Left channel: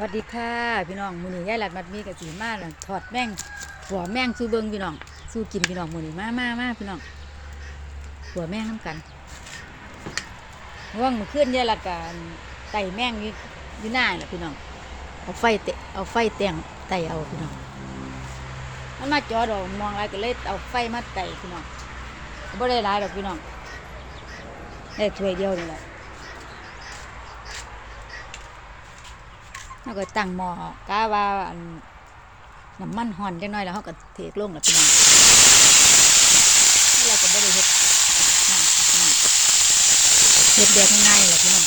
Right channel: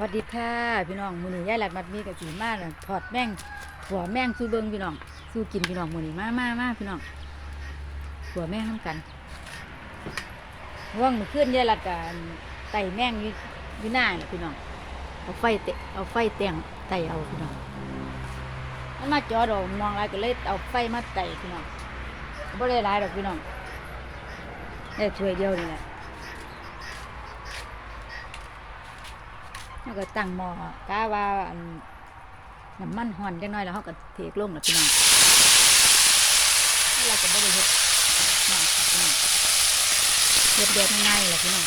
สวัสดีค่ะพี่น้องมือนี้ยายหลัดมัดมีกับสีมาน่ะทอดแม่งถั่วแม่งสู้เบิงพี่น้องสู้กินพี่น้องมือนี้มามามาพี่น้องถั่วแม่งน้ำกันว่างมื้อคืนยายหลัดกับไต่แม่งอยู่อยู่หน้าแหละพี่น้องเอาไฟเตะเอาไฟแตงไต่เอาพี่น้องมันมาจอดอกมองอะไรก็เลยเอาไฟมาไต่พี่น้องบ่ได้หลายดอกพี่น้องได้ถ้วยเดียวนี่แหละ เราก็ตั้งหม้อกาว่าอันน้ำมันห่อนจังน้อยแล้วเขาก็เทลงแล้วพี่น้องเราก็บ่ได้เฮ็ดน้ำค่ะพี่น้องเฮ็ดแบบง่ายๆแหละพี่น้อง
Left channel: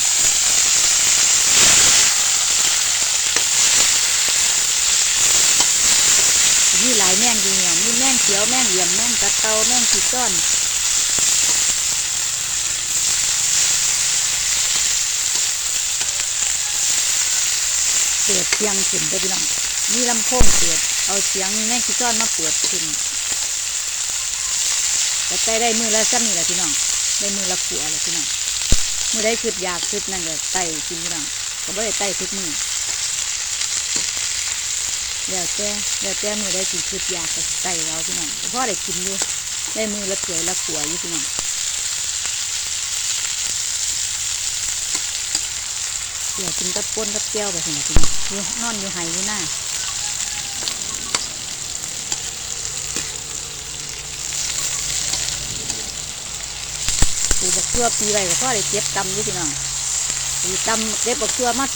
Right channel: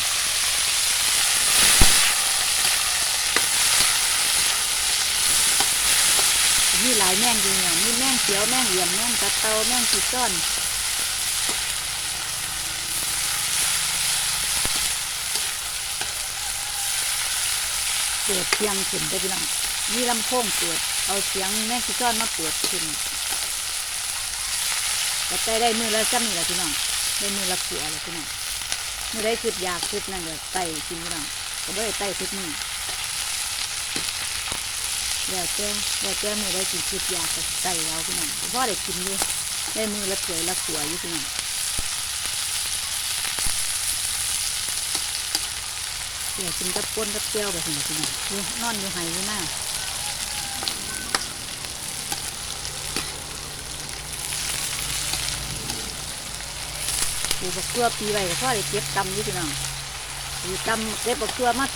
มีหลายแม่งดีเนี่ยมีแม่งเขียวแม่งเหลี่ยมแม่งกระเตาแม่งขีดซ้อน เปิดเสียงขึ้นไปพี่น้องมีลำโพงเปิด เอาเสียงแม่ขี้จ้อนมาเปิดขึ้นแต่ใกล้ได้มือแล้วซ้ำนี่แหละพี่น้อง ได้มือละขัวแล้วพี่น้องมือได้คิดอยากคิดนั่นก็ไต่กินพี่น้องก็ได้ไต่คิดมือแล้วแต่แล้วแต่มือได้กินคิดอยากก็ไต่เราพี่น้องพ่อได้กินอยู่ได้มือละเปื่อยละขัวอยู่พี่น้อง เดี๋ยวกินกับป้นกับเจียวไปสินะพี่น้องอยู่นอนอยู่ไห้อยู่หน้าปูบักเกลือปีไว้ก็พอได้เก็บกำอยู่พี่น้องปีกำเก็บบักเกลือมา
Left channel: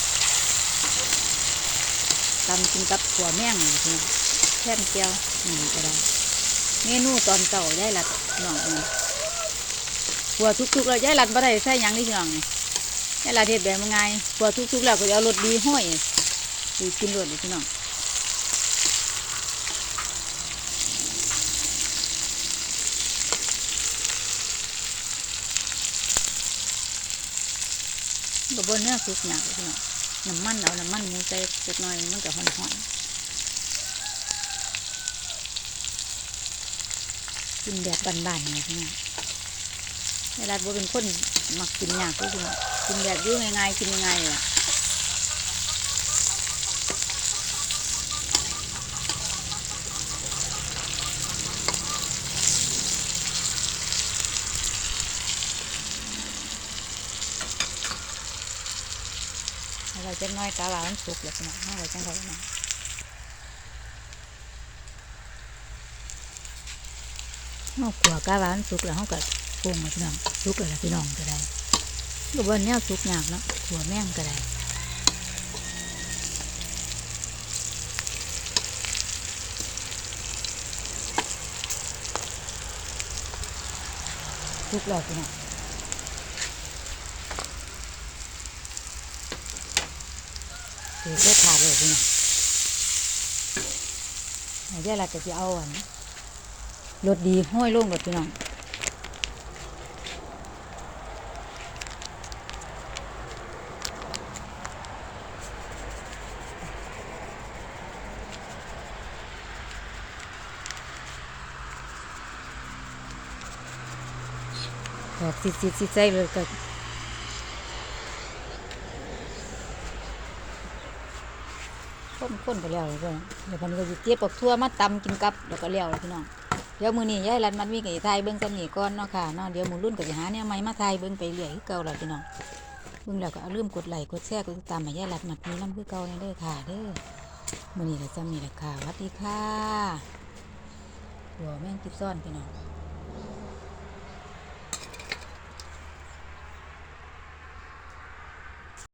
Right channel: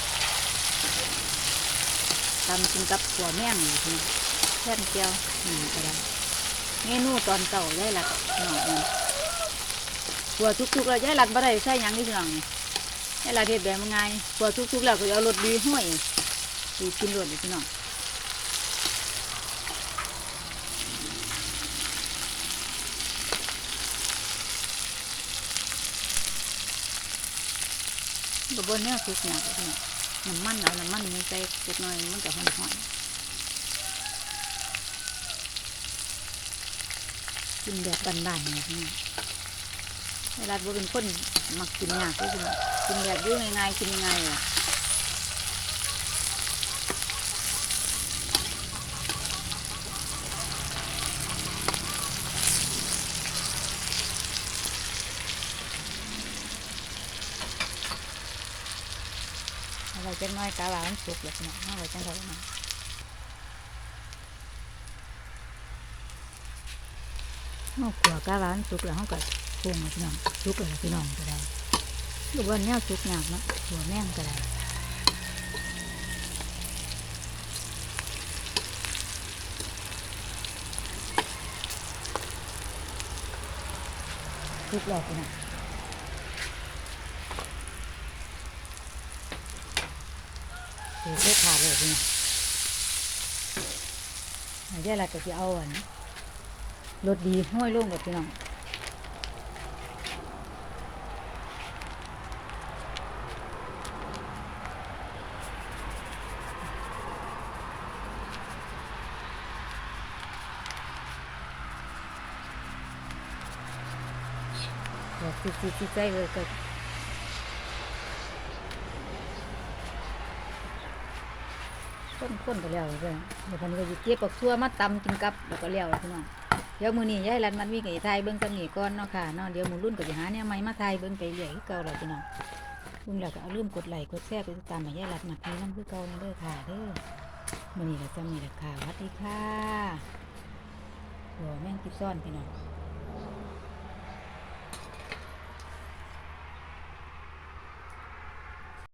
ตำกินกับถั่วแม่งนี่พี่น้องแค่เจียวนี่ก็ได้เมนูตอนเก่าได้ละพี่น้องนี่หัวทุกๆเลยยายหลัดบ่ได้ใส่ยังนี่พี่น้องนี่ ให้ลาเทศแบบง่ายพอทุกๆแล้วก็เอารถดีห้อยดีกินรถเลยพี่น้องบบบนเนื้อสุกหนักเลยพี่น้องน้ำมันเอาน้ำมันมูใส่เล็กน้อยมันก็หอมๆกินแบบบานๆเนี่ยพี่น้องเวลาบัวเป็นคนมักกินยากก็คือง กินแบบอยุ่ง่ายๆกินง่ายๆล่ะอะไรจะน้อยกาลามันสุกแล้วพี่น้องอะไรจังไดนะเอาขัวกาลามันสุกแล้วเขาก็ปรุงมาพี่น้องสุกแล้วพี่น้องก็ได้ ก็บนแนวสุกยากเนาะหัวแม่งก็ได้สุกแล้วพี่น้องคือเสื้อผ้าเลยพี่น้องเดี๋ยวเราจะสิเอาอันรถดีห้อยลงกับพี่น้อง แบบสิสิสิใจเลยก็ข้นข้นไปแล้วเลยเดี๋ยวมันก็จะเก็บปักทั่วมาตำกินกับแล้วก็แล้วพี่น้องเดี๋ยวมือนี้ยายรันมันมีกับไทยเบิ้งกันนี่ก่อนเนาะค่ะเนาะเดี๋ยวหมูรุ่นก็จะหาเนี่ยไม่มาไทยเบิ้งไปเรื่อยเก่าเลยพี่น้องเบิ้งแล้วก็เอาลืมกดไลค์กดแชร์กดติดตามมายายรันมันมีน้ำคือเก่านี่เด้อค่ะเด้อมือนี้ก็จะมีราคาสวัสดีค่ะหัวแม่งคิดซ่อนพี่น้อง